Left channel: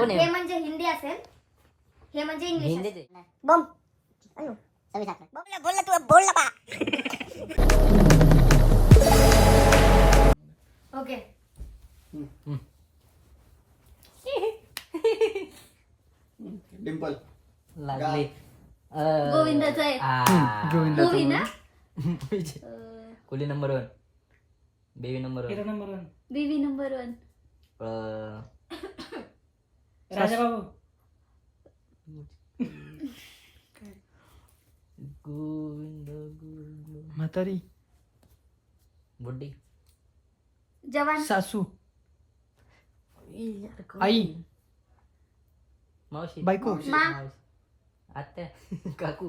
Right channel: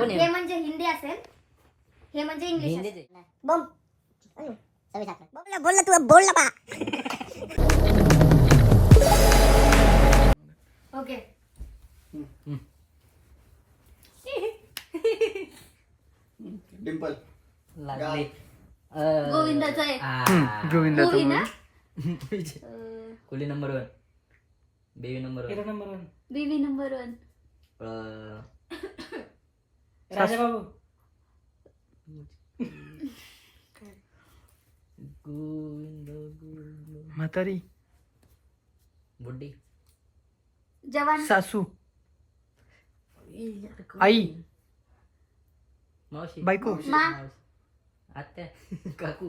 हे म्हणजे हिंदी असेल, हे म्हणजे इंग्लिश. बम बोल तू बोल ना. ओके. डिंपल लागले. गोविंदाचं आहे. गोविंदाचं ना. Coolie number 1, baby number 1, Biwi number 1, Raja Babu. म्हातारी, बुड्डी, जवान, सासू, आई, मावशी, बायको, मा, आत्या, काकू,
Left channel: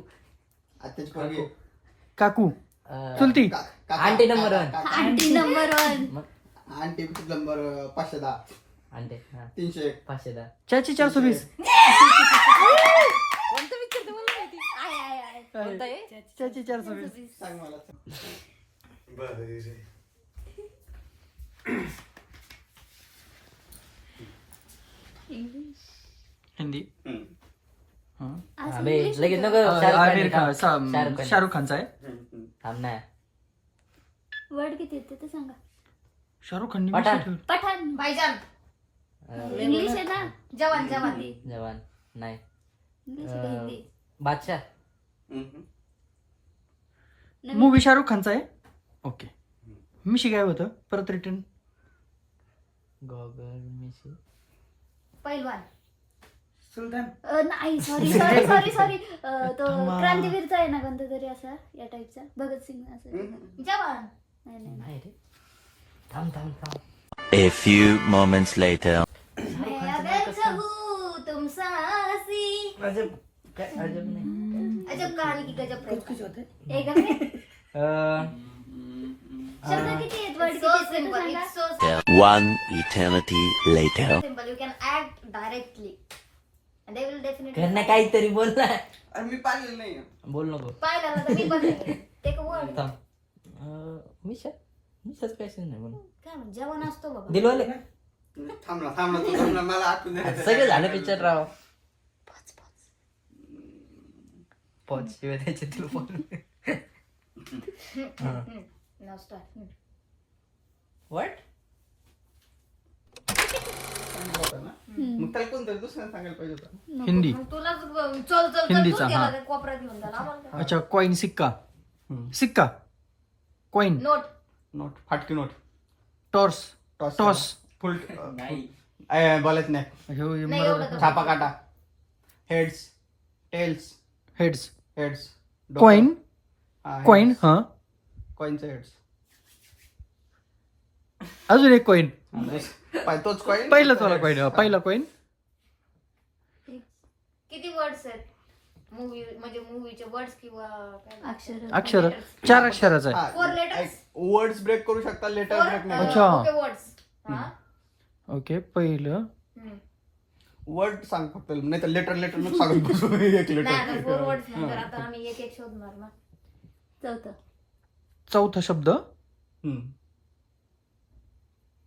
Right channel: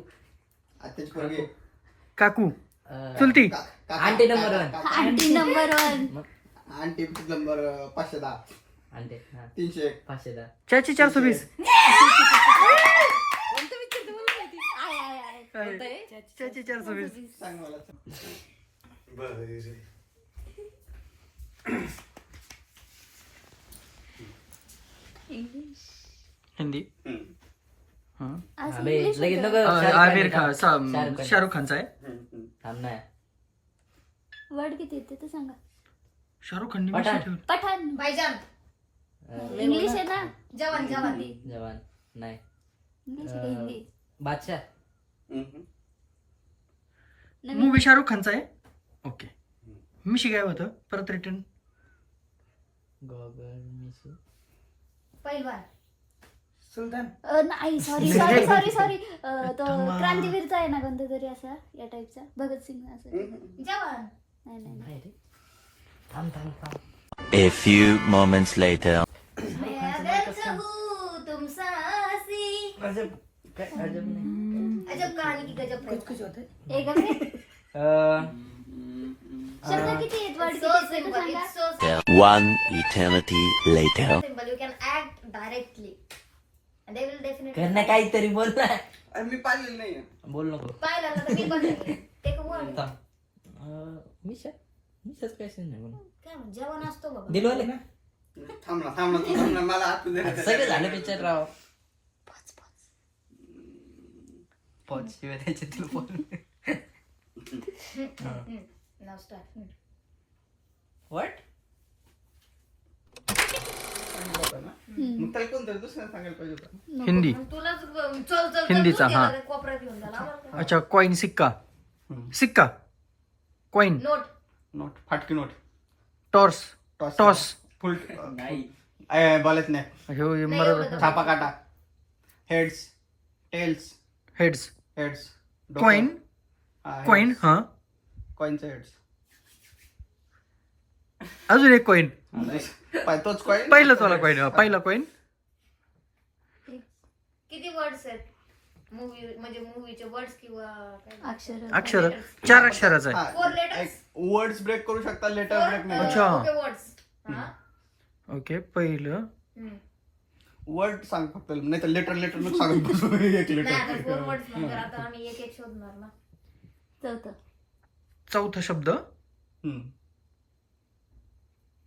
आत्याची पोरगी. काकू, चुलती, aunty number 1, aunty number 1, aunty number 510, aunty 301, 510. चाची 420, चाची 420. सांग मला. हिंदी. अबे लगेच नको. आमिर खान, शाहरुख खानचा आहे. थांब ना. वर्ड किती येते ते सांगा. शाहरुख खान पठाण. पठाण. भाईजान. इंग्लिश आहे ना. जवान जवान. जवान नाही. इंग्लिश आहे का हिंदी? बादशाह. मूवी शाहरुख खानचा आहे. ओके. मिशी काय होतं परत रिटर्न. गॉगल मिशी. पहिलवान. सुलतान. नाही सॉरी तो क्रांतीवीरचा आहे ना कोणता तरी असा या टाईपचा. भगतसिंग असं. जवान. नाही रे. थांब. A few moments later. मैं अगर चाहूं तुम सासी. अजब नहीं. अजब कहानी की गजब. कुछ होतं. एक शब्द किती आहेत वर्ड किती आहेत सांगा. One eternity later. Simple. You can act directly. And they will definitely. त्यांना काहीतरी बोल ना. अरे मी पाहिलेलं नाही. बोल नको. पाहिलं ना तर मी पण नाही. एक वर्ड. मिशाच पैसे नाही बोल. काय म्हणजे जवान असतो बाबा. दिलवाले. थांब ना मला आठवण दे. सगळे झाले पिक्चर राव. पोच शिवाय त्याचे तुला फोन. Now start. व्हॉट. मग त्याला कोणतरी दुसऱ्याला सांगायला पाहिजे होतं. हिंदी. तुलाच चल हिंदीचा, हा. कोपऱ्यात घेऊन जा. अच्छा. कॉइन, सिक्का, कॉइन, नोट, फाटकी नोट, टॉर्स, टॉस. फुल नाही. बोलत नाही. छापा काटा, हेड्स, टेल्स, हेड्स, कॉइन, हा. कॉइनचं हेड्स. अजून एक कॉइन. तोच कॉइन. पहिलाच वाला कॉइन. पहिला कॉइन. किती वर्ड्स आहेत मूवी म्हणजे मूवीचे वर्ड्स किंवा अक्षर 4 अक्षराचा आहे. 4 लेटर्स. वर्ड्स ब्रेक करू शकता, लेटर ब्रेक नाही. अच्छा. Okay words. ओके. पहिलं वर्ड सांग फक्त, नाही तर लेटर नको सांगत बसू. एक नाही लेटर. आता 4 वर्ड्स नंतर आता आम्ही एक शोधणार ना. चौथा शब्द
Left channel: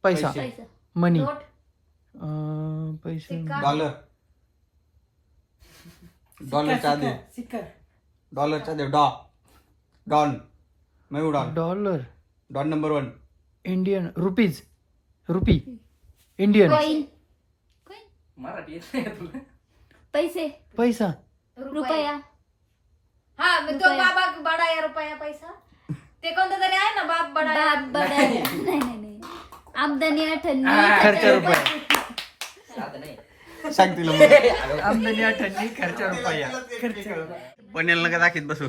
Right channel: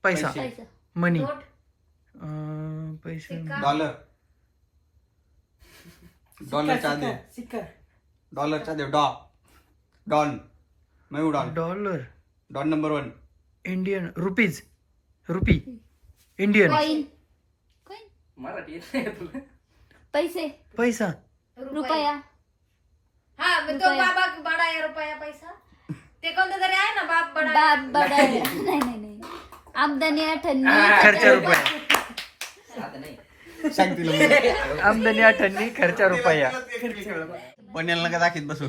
पैसा, मनी, नोट, पैसे, डॉलरच्या दे. डॉन, मयू dollar, don number 1. Indian, rupees, rupee, Indian, coin, Marathi येत नाही तुला. पैसे, पैसा, रुपया. हा तो बाबा बडा आहे रुपया पैसा. ते कोणतं तरी आहे ना बाप बडा. नाही आमदनी अठन्नी खर्चा रुपया. आता नाही. सांग तिला. आमदनी 98, खर्चा रुपया. पण्याला नका दाखीत बसू.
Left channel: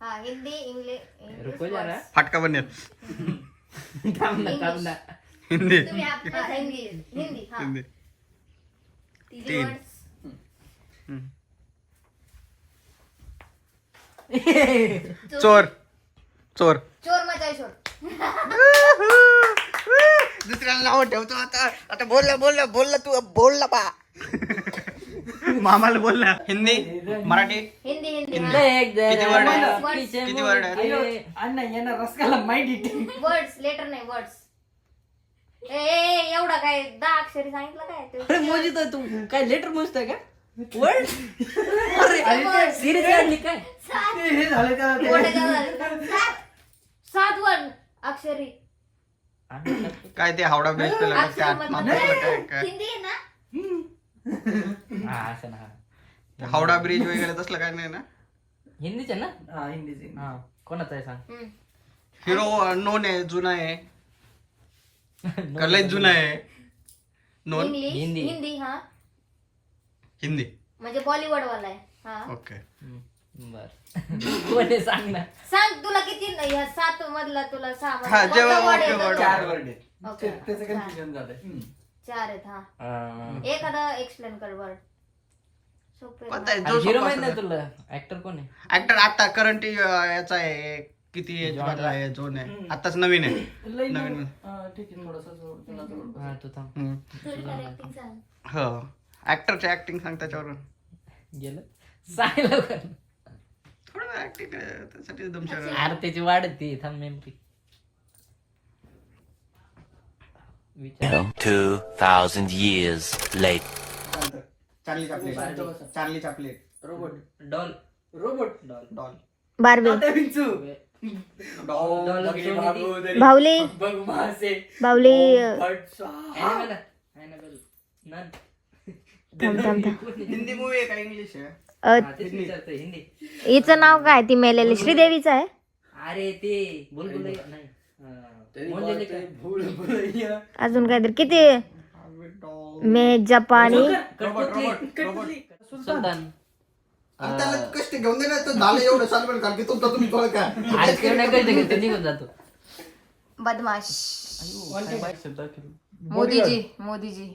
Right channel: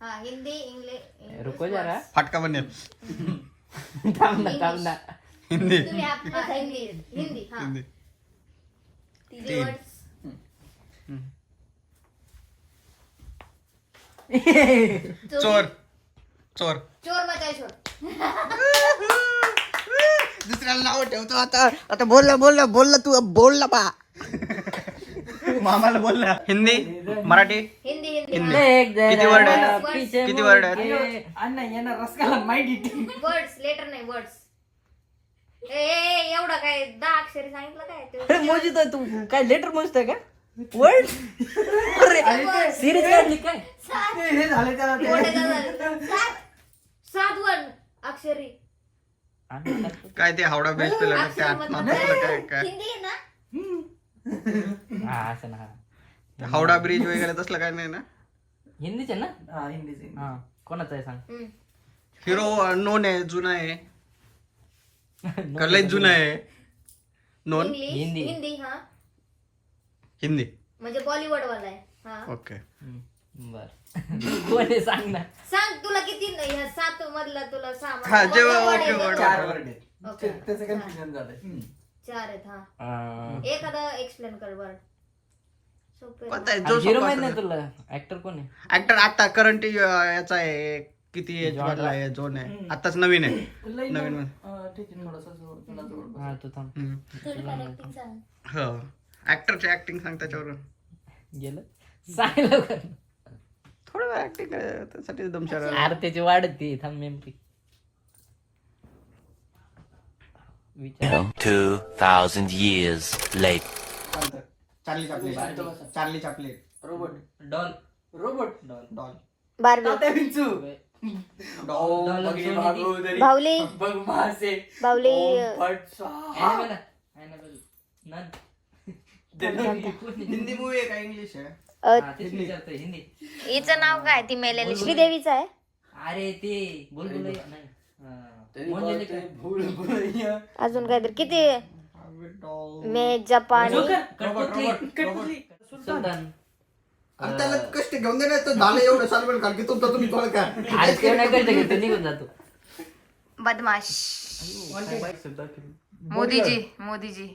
हा हिंदी इंग्लिश. रुको जरा. फाटका बनेल. थांब ना. हिंदी. तुम्ही हिंदी. हा. हिंदी. 3 चोर मचाय चोर. दुसऱ्याला नाव ठेवतो. आता बोलला तू बोलला बा. मामाला बोलला. हिंदी, मराठी, हिंदी. किती वर्ड आहेत? अण्णा यांना रसकाला माहिती. वर्ड्स लेटर नाही वर्ड्स. एवढा काय 10 अक्षरी सांगितलं काय ते? अरे मोजी तर तू काय लेटर मोजतोय का वर्ड सिरीज काढली काय हे झाले त्याला ते. एवढे का झाले? 7 वन अक्षरी काय ते हावडा ब्रिज पे लटक ते आत्महत्या काय काय हिंदी आहे ना? हा असं ना ते हावडा ब्रिज वगैरे तसलं काय नाही ना. हिंदीच आहे ना हा हिंदीच हा कोणाचं आहे सांग हम्म. हिरो नोन आहे, जुना आहे का लय जुना आहे? Non English Hindi. हिंदी हा हिंदी. म्हणजे बॉलिवूड वाला आहे हा. ओके. बर कोण आहे सांग ना सांग तुला किती ह्या 7 मधला तुला 6 हा जेव्हा वड ओके आहे वर्ड का? वर्ड. ओके. त्याचं कन्फ्युजन झालंय 4 आहेत हा. एखादा एक्सप्लेन कर वर्ड सोपे कोणता आहे जो हिरो सोपा माहिती असेल? तुला ऍक्टर कोण आहे ऍक्टर आता करंट याचा आहे, किती एज मधला आहे, जोन आहे, आताच नवीन आहे. नवीन हा तू थांब हम्म. ऍक्टिंग सांग. हो ऍक्टरची ऍक्टिंग सांग त्याच्यावरून. गेलं सांग लवकर थोडं ऍक्टिंग त्यासाठी एकदम अरे त्याची वाढती थांब नेमकी विचार 2,000 years later. Charlie Chaplin robot doll robot doll doll Barbie बाहुली बाहुली हिंदी मूवी आहे का इंग्लिश आहे? हिंदी हिचं नाव काय ती मेलेली श्रीदेवीचं आहे. अरे ते बुलबुल नाही अजून काहीतरी किती मे जपानी सुलतान आणि त्याला कष्ट घेऊन दे ना, तो झालं एवढं साल कारण की तुमचा तुम्ही थोडं काय अरे ते नाही कळतं की तो निघून जातो बदमाश मोदीजी मोदीजी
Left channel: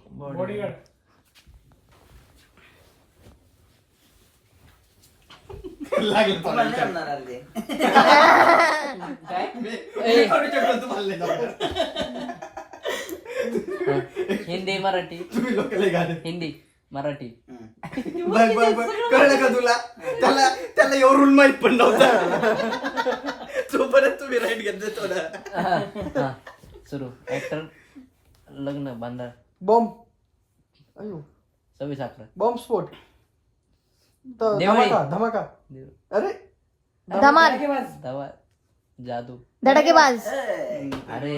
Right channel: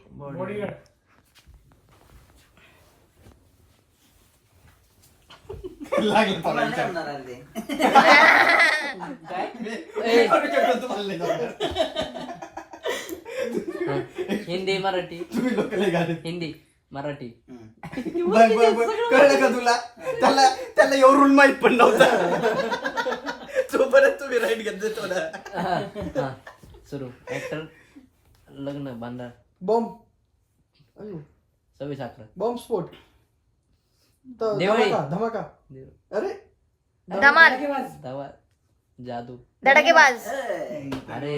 हिंदी मराठी हिंदी मराठी कळलं का तुला? त्याला एवढून माहित पण नव्हतं तोपर्यंत तुम्ही राईट घेतलं थोडं. सुरू ऍक्टर लग्न बांधा बॉम्ब 26/11 बॉम्ब स्फोट देवळी. धमाका अरे धमाल धावा जादू धडाकेबाज अरे